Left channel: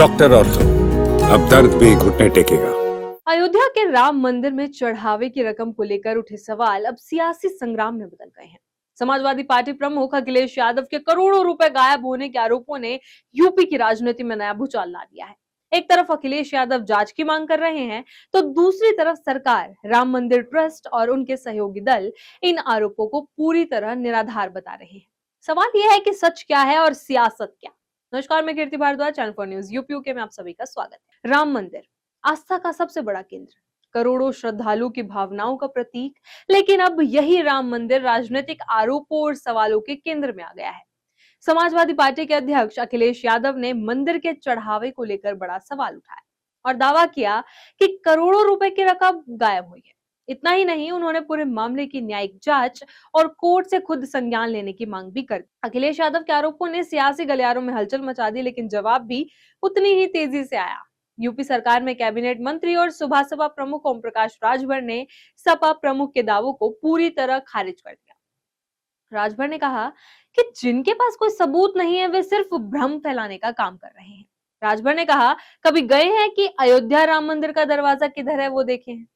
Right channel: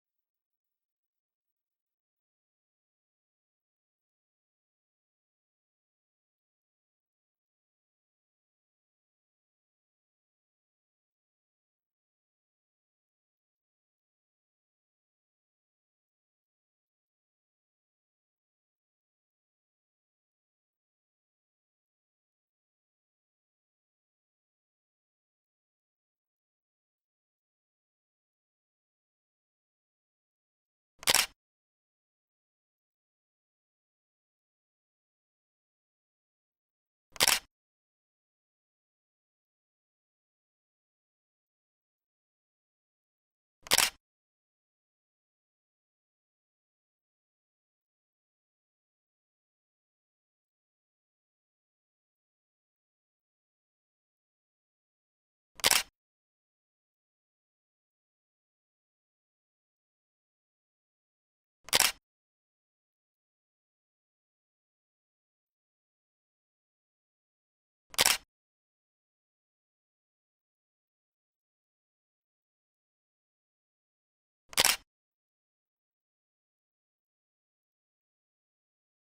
Doctor और तो अब दर्द भी घुटने टेकेगा। अयोध्या के राम मंदिर में चढ़ावे की रकम को लेकर उठे सवाल अब सियासी संग्राम में बदल गए हैं। समाजवादी पार्टी प्रमुख अखिलेश यादव के करोड़ों रुपए गायब होने के आरोपों ने यूपी की राजनीति में नया भूचाल ला दिया है। एक तरफ अखिलेश यादव जांच की मांग कर रहे हैं, तो दूसरी तरफ सरकार, राम मंदिर ट्रस्ट और उनके सहयोगी दल इन आरोपों को पूरी तरह निराधार बता रहे हैं। सवाल यह है कि सच क्या है और सियासत क्या। नमस्कार, मैं Kirti Bharadwaj, channel for news UP के में आप सभी का स्वागत। राम मंदिर आस्था का सबसे बड़ा केंद्र, करोड़ों श्रद्धालु की भावनाओं का प्रतीक, लेकिन अब यही राम मंदिर राजनीतिक आरोपों और सवालों के केंद्र में आ गया है। समाजवादी पार्टी के अध्यक्ष अखिलेश यादव ने मंदिर के चढ़ावे को लेकर बड़ा सवाल उठाया और दावा किया कि करोड़ों रुपए की रकम गायब हुई है। इतना ही नहीं, उन्होंने पूरे मामले की न्यायिक जांच और कोर्ट से खुद संज्ञान लेने की मांग भी कर दी। अखिलेश यादव के आरोपों ने सियासी गलियारों में हलचल मचा दी, लेकिन जवाब भी उतनी ही तेजी से आया। यूपी सरकार में कैबिनेट मंत्री और सुबह सपा प्रमुख ओम प्रकाश राजभर ने सपा प्रमुख के दावों को पूरी तरह खारिज कर दिया। राजभर ने कहा कि जिनके पास कोई सबूत नहीं है वे सिर्फ भ्रम फैलाने का काम कर रहे हैं। राजभर ने कहा, कभी गए हैं कि अयोध्या राम मंदिर का दरवाजा किधर है वो देखे हैं?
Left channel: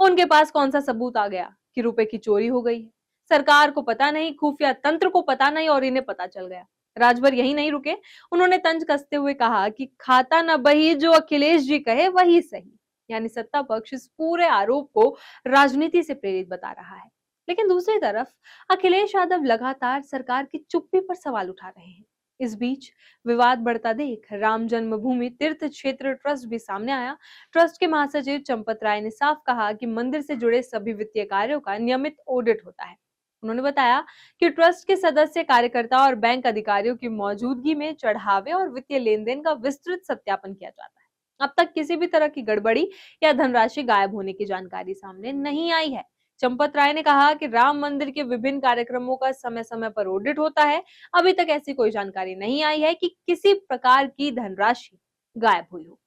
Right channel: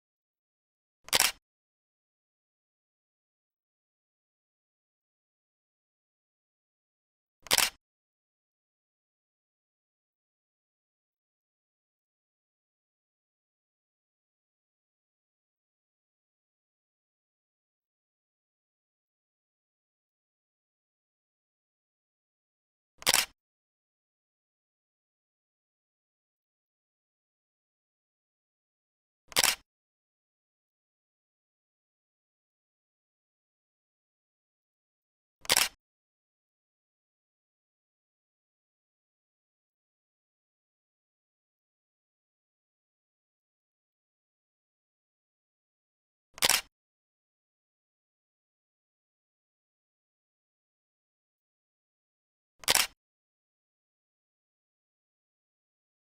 उनके पास कौन सा सबूत आ गया कि रुपए की चोरी हो गई है? सरकार को पता नहीं, खुफिया तंत्र को पता नहीं और इन्हें पता चल गया। राजभर यही नहीं रुके, उन्होंने तंज कसते हुए कहा कि खाता न बही, जो अखिलेश जी कहे वही सही। यानी सत्ता पक्ष इस पूरे आरोप को राजनीति से प्रेरित बता रहा है। लेकिन दूसरी तरफ अखिलेश यादव लगातार सरकार की चुप्पी पर सवाल उठा रहे हैं। इस बीच विवाद बढ़ता देख राम जन्मभूमि तीर्थ क्षेत्र ट्रस्ट भी सामने आया। ट्रस्ट के महासचिव चंपत राय ने साफ कहा कि मंदिर से जुड़े सभी वित्तीय कार्यों का नियमित ऑडिट होता है। उन्होंने बताया कि ट्रस्ट के सदस्य, कार्यकर्ता और बैंक अधिकारियों की मौजूदगी में चढ़ावे और वित्तीय लेन देन का विस्तृत सत्यापन किया जाता है। अब तक किसी भी तरह की गड़बड़ी या धनराशि गायब होने की जानकारी सामने नहीं आई है। चंपत राय ने कहा कि राम मंदिर के विभिन्न कार्यक्रमों का समय समय पर ऑडिट होता है। अभी तक ऐसी कोई जानकारी नहीं आई है कि किसी प्रकार की धनराशि गायब हुई हो।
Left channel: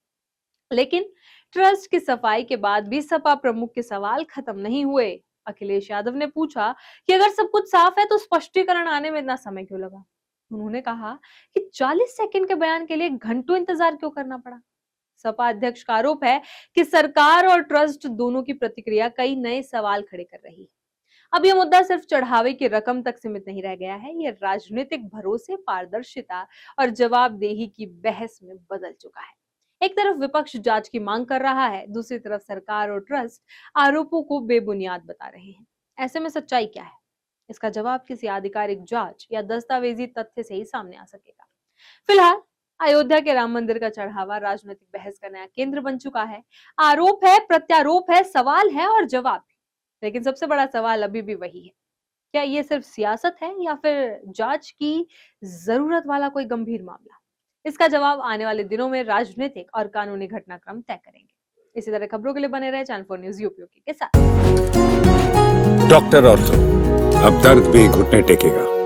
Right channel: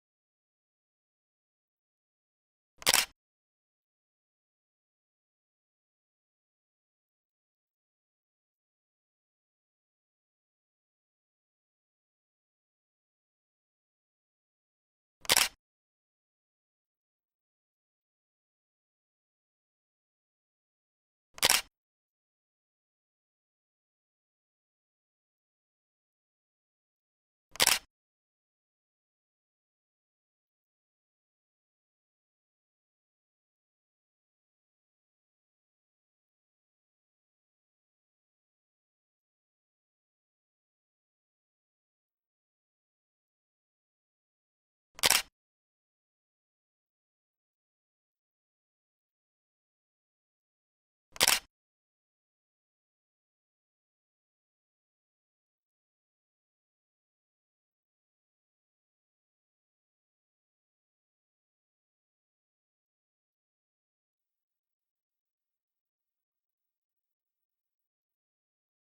लेकिन ट्रस्ट की सफाई के बाद भी सपा प्रमुख के सवाल खत्म नहीं हुए। अखिलेश यादव ने पूछा कि अगर सब कुछ साफ है तो स्पष्टीकरण आने में इतना समय क्यों लगा? उन्होंने कहा कि 40 सेकंड के बयान के लिए घंटों इंतजार क्यों करना पड़ा? सपा अध्यक्ष का आरोप है कि सरकार और ट्रस्ट दोनों की प्रतिक्रिया कई नए सवाल खड़े कर रही है। अब ये मुद्दा सिर्फ चढ़ावे की रकम तक सीमित नहीं रह गया है, ये राजनीतिक भरोसे, पारदर्शिता और जवाबदेही की बहस में बदल चुका है। एक तरफ विपक्ष जांच की मांग कर रहा है, दूसरी तरफ सरकार और ट्रस्ट आरोपों को बेबुनियाद बता रहे हैं। ऐसे में सच्चाई क्या है? इसका जवाब किसी आधिकारिक जांच या दस्तावेजी तथ्य से ही सामने आ सकेगा। फिलहाल अयोध्या के राम मंदिर का चढ़ावा राजनीतिक बहस का नया केंद्र बन चुका है। आरोप है, प्रत्यारोप है, सवाल है और जवाब भी। लेकिन सबसे बड़ा सवाल अभी भी वही है, क्या ये सिर्फ सियासत है या फिर जांच की जरूरत वाला कोई गंभीर मामला? इसका जवाब आने वाले दिनों में राजनीतिक और कानूनी घटनाक्रम तय करेंगे। इसी तरह खबरों के लिए बने रहे चैनल 4 न्यूज यूपी के साथ। डॉक्टर और तो अब दर्द भी घुटने टेकेगा।